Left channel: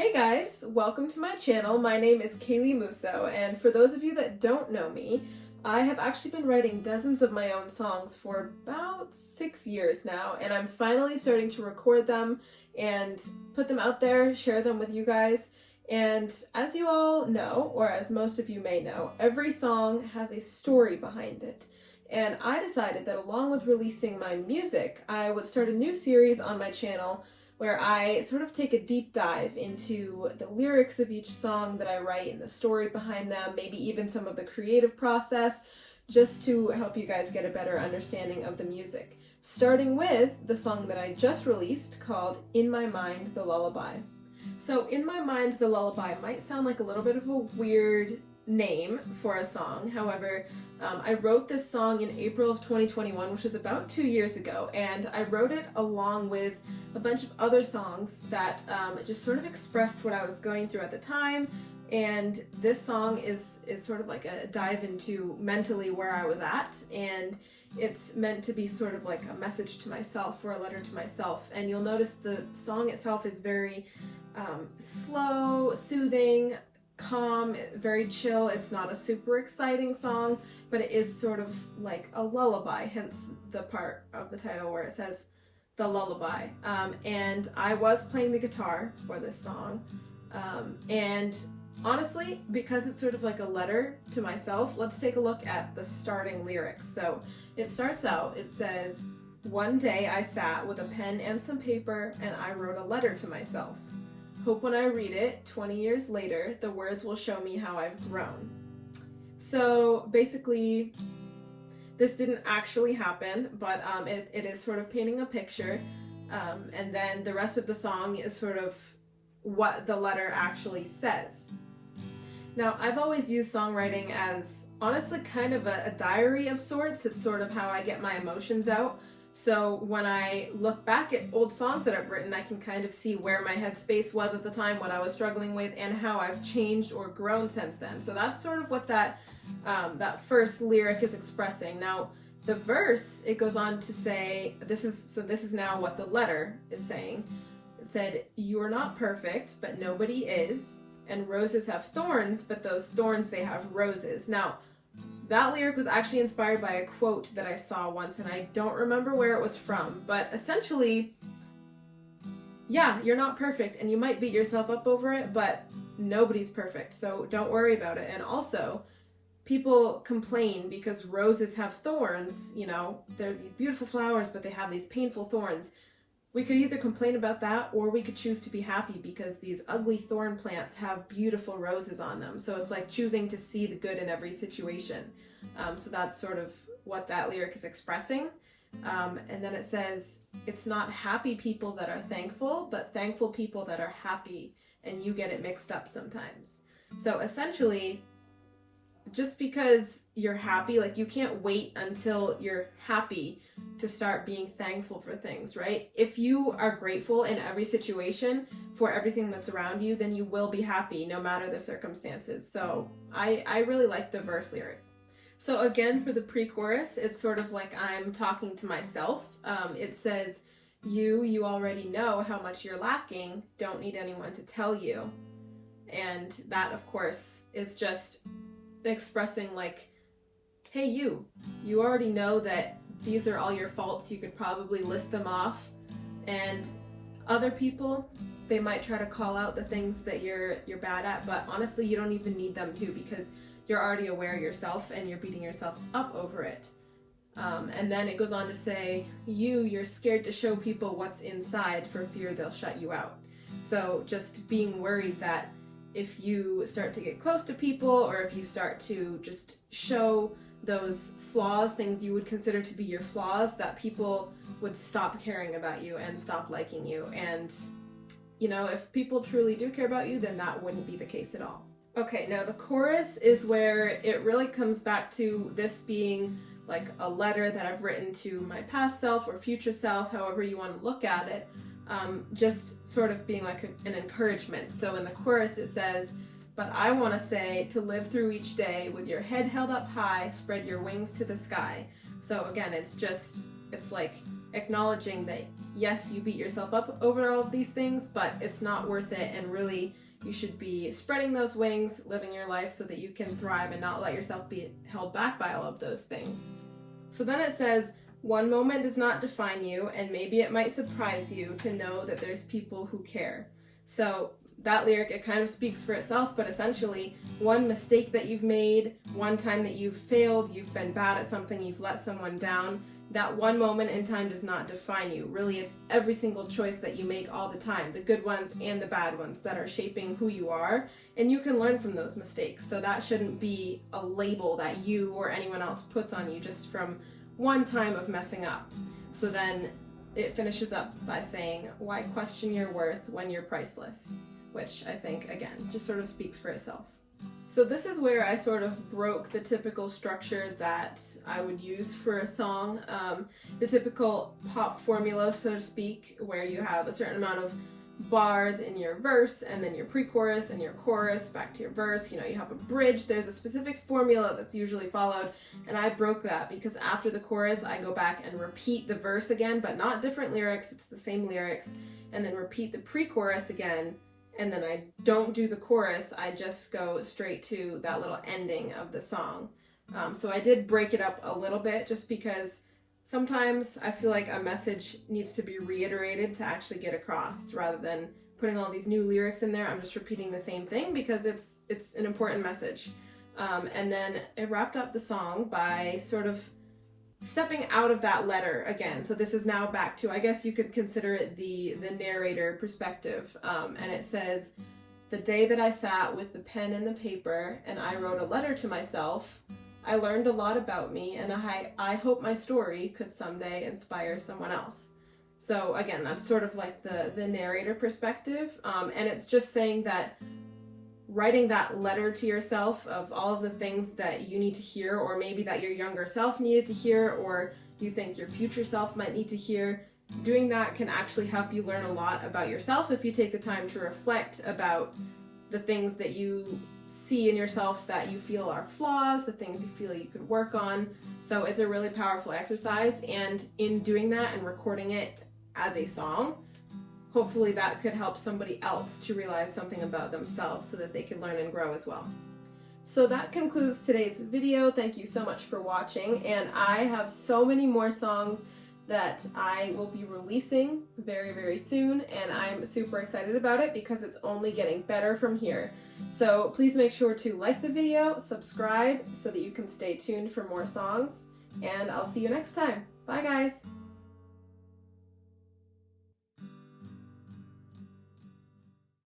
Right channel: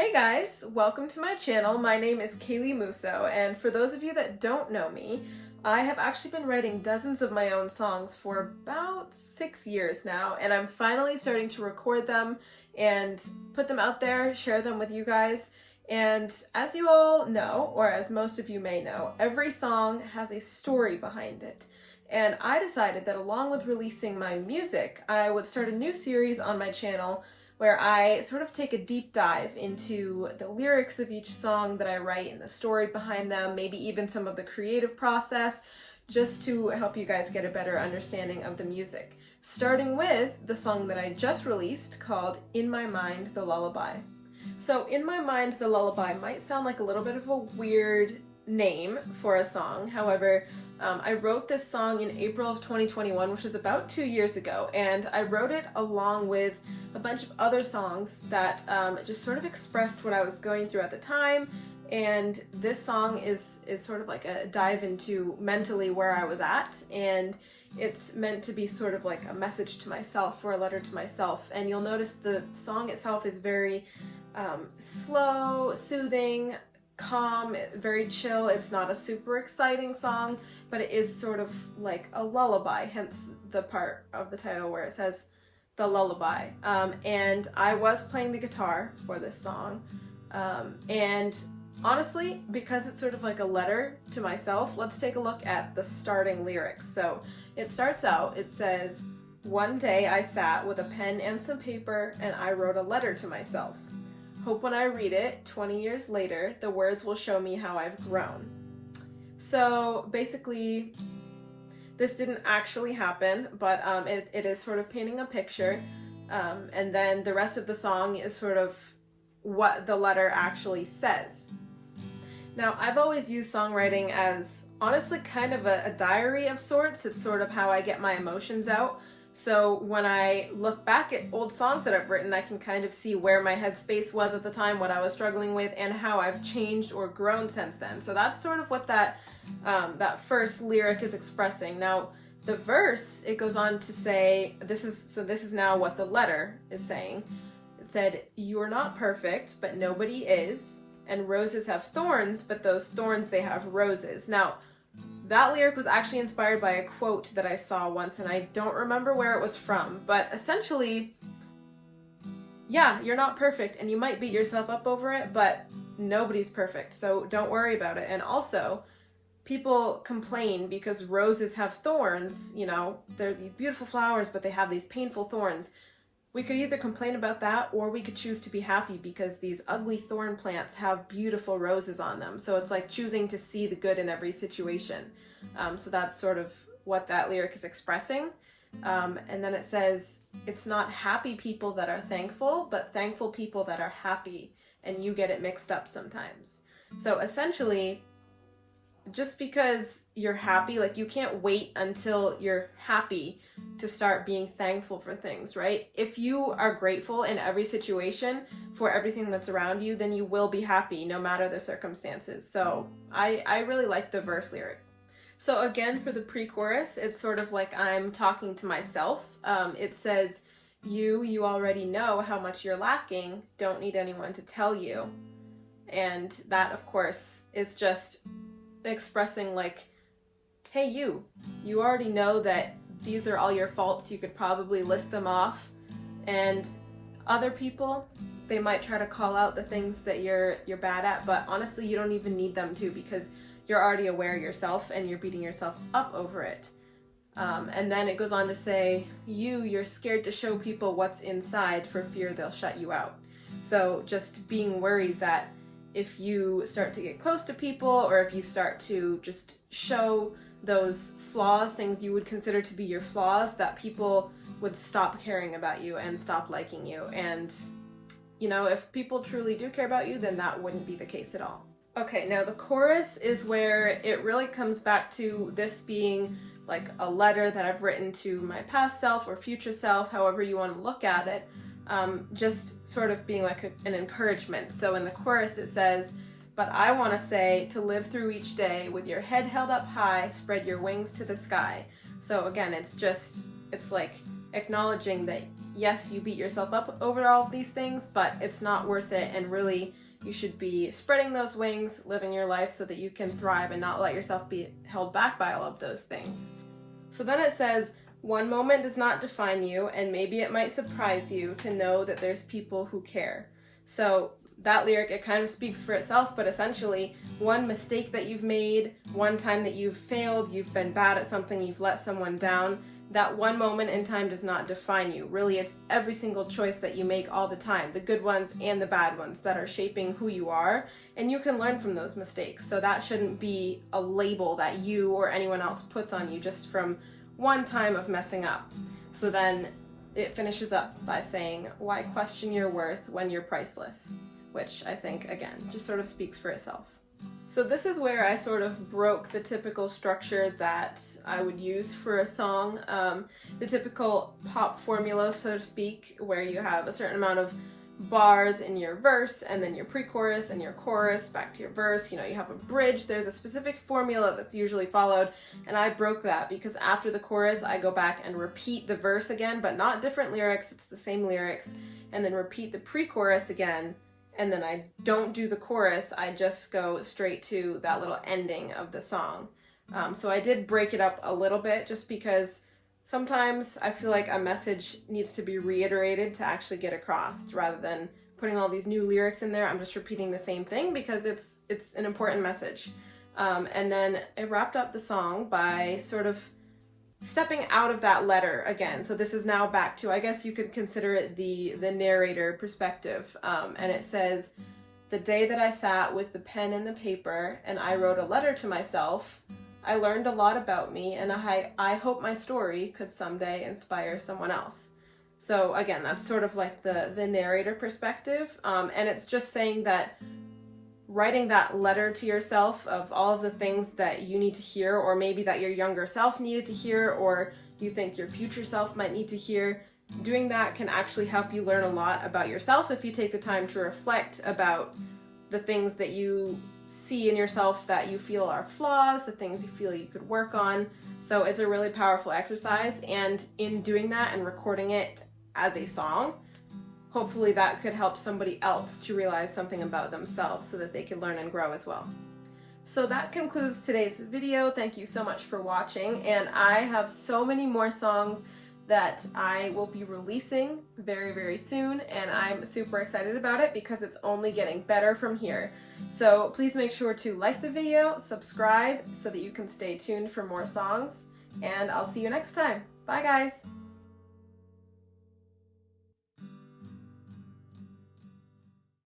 Hey guys, welcome to my channel. My name is Kaylee Mousseau, and for those of you that don't know me, I have actually been writing dozens of my own songs for about 6 years now, and I'm finally starting to record them and put them out there, share them with you guys. And as you all know, or as most of you may know, every song has a story behind it. And I decided that along with releasing my music, I would start a new series on my channel where I sort of take a deep dive into the lyrics of each song that I write and the story behind them, maybe even some of the creative process, just to help you guys get a better understanding of the music. Starting with the song that I just released called In My Mind, the Lullaby. So In My Mind, the Lullaby might sound like a little bit of a weird name for a song. However, I wrote this song in April of 2021, which was about 2 years ago, and I wrote it along with a bunch of other songs that just sort of expressed what I was going through at the time. And this song is sort of like a dive into mentally where I was at, and it's meant to be sort of like a message to myself or a letter to myself. And you'll notice the song itself is very slow, soothing, calm, very chill. It's not a super exciting song, but it is sort of like a lullaby, hence the part of the title where it says the lullaby. And I was playing the guitar for this song, and honestly, because it's sort of like a letter to myself, let's take a look at the starting lyrics. So it starts out, it says, "One day I sat with a pen and some paper and I wrote a letter to myself. Hope when I read it, 20 years later, the words will show me how I've grown." So basically, this didn't actually happen, but it is sort of painting a picture. And then the rest of the song is sort of what the letter actually says. Now, I've always used songwriting as honestly kind of a diary of sorts. It's sort of how I get my emotions out. So when I look back at old songs that I've written, I can kind of see where my headspace was at the time, what I was struggling with, and how I've changed or grown since then. So that's sort of what that first lyric is expressing. Now, the verse, it goes on to say, this is now what the letter is saying. It said, "You're not perfect, but nobody is, and roses have thorns, but those thorns, they have roses." Now, that lyric was actually inspired by a quote that I saw once, and I don't remember where it was from, but essentially, yeah, you're not perfect, and you might beat yourself up over it, but nobody's perfect, so don't worry about it. And also, people complain because roses have thorns, you know, they're these beautiful flowers, but they have these painful thorns. We could either complain about that, or we could choose to be happy because these ugly thorn plants have beautiful roses on them. So it's like choosing to see the good in every situation. So that's sort of what that lyric is expressing. And then it says, "It's not happy people that are thankful, but thankful people that are happy," and you get it mixed up sometimes. So essentially, just because you're happy, like you can't wait until you're happy to start being thankful for things, right? If you are grateful in every situation for everything that's around you, then you will be happy no matter the circumstances. So I really like the verse lyric. So again, for the pre-chorus, it's sort of like I'm talking to myself. It says, you already know how much you're lacking, don't need anyone to tell you." And that, of course, is just expressing like, hey, you already know that these are all your faults. You could probably list them off, and other people, they might try to call out the things that you're bad at, but honestly, you don't even need them to, because you're already aware yourself and you're beating yourself up over it. And then it goes on to say, you're scared to show people what's inside for fear they'll shut you out. So just being worried that if you start to get close to people, or if you start to just show those flaws, things you would consider to be your flaws, that people would stop caring about you and stop liking you. And, you know, if people truly do care about you, then that wouldn't be the case at all. Okay, now the chorus is where it really comes back to this being like a letter that I've written to my past self or future self, however you want to look at it. Just sort of being like an encouragement. So in the chorus it says, "But I want to say to live through each day with your head held up high, spread your wings to the sky." So again, it's just it's like acknowledging that yes, you beat yourself up over all of these things, but it's not worth it, and really you should be spreading those wings, living your life so that you can thrive and not let yourself be held back by all of those things. So then it says, one moment does not define you, and maybe it might surprise you to know that there's people who care. So that lyric, it kind of speaks for itself, but essentially one mistake that you've made, one time that you've failed, you've been bad at something, you've let someone down, that one moment in time does not define you. Really, it's every single choice that you make all the time, the good ones and the bad ones, that are shaping who you are, and you can learn from those mistakes. So that shouldn't be a label that you or anyone else puts on you just from one time of messing up. So then it finishes up by saying, why question your worth when you're priceless? Which I think, again, just sort of speaks for itself. So this is where I sort of broke the typical structure that I would use for a song, the typical pop formula, so to speak, where you have a certain amount of bars in your verse, and then your pre-chorus and your chorus, back to your verse, you have a bridge. There's a specific formula that's usually followed, and I broke that because after the chorus I go back and repeat the verse again, but not different lyrics, it's the same lyrics, and then repeat the pre-chorus again, and then I don't do the chorus, I just go straight to that little ending of the song. So I did break it up a little bit just because sometimes I feel like a message needs to be reiterated to actually get across, rather than putting all these new lyrics in there. I'm just repeating the same thing because it's an important message. And then I wrapped up the song by sort of stepping out of that letter again. So this is now back to, I guess you could consider it the narrator perspective. And it says, the day that I sat with the pen and the paper and I wrote a letter to myself, I learned a lot about me, and I hope my story could someday inspire someone else. So again, that's sort of like the narrator perspective, and it's just saying that writing that letter to yourself of all of the things that you need to hear, or maybe that your younger self needed to hear, or you think your future self might need to hear, doing that can actually help you learn a lot about yourself if you take the time to reflect about the things that you see in yourself that you feel are flaws, the things you feel you could work on. So it's a really powerful exercise, and in doing that and recording it as a song, hopefully that could help somebody else to realize something about themselves so that they can learn and grow as well. So that concludes today's video. Thank you so much for watching, and I have so many more songs that I will be releasing very, very soon, and I'm super excited about it because it's only getting better from here. So please make sure to like the video, subscribe so that you can stay tuned for more songs, and I'll see you next time. Bye guys!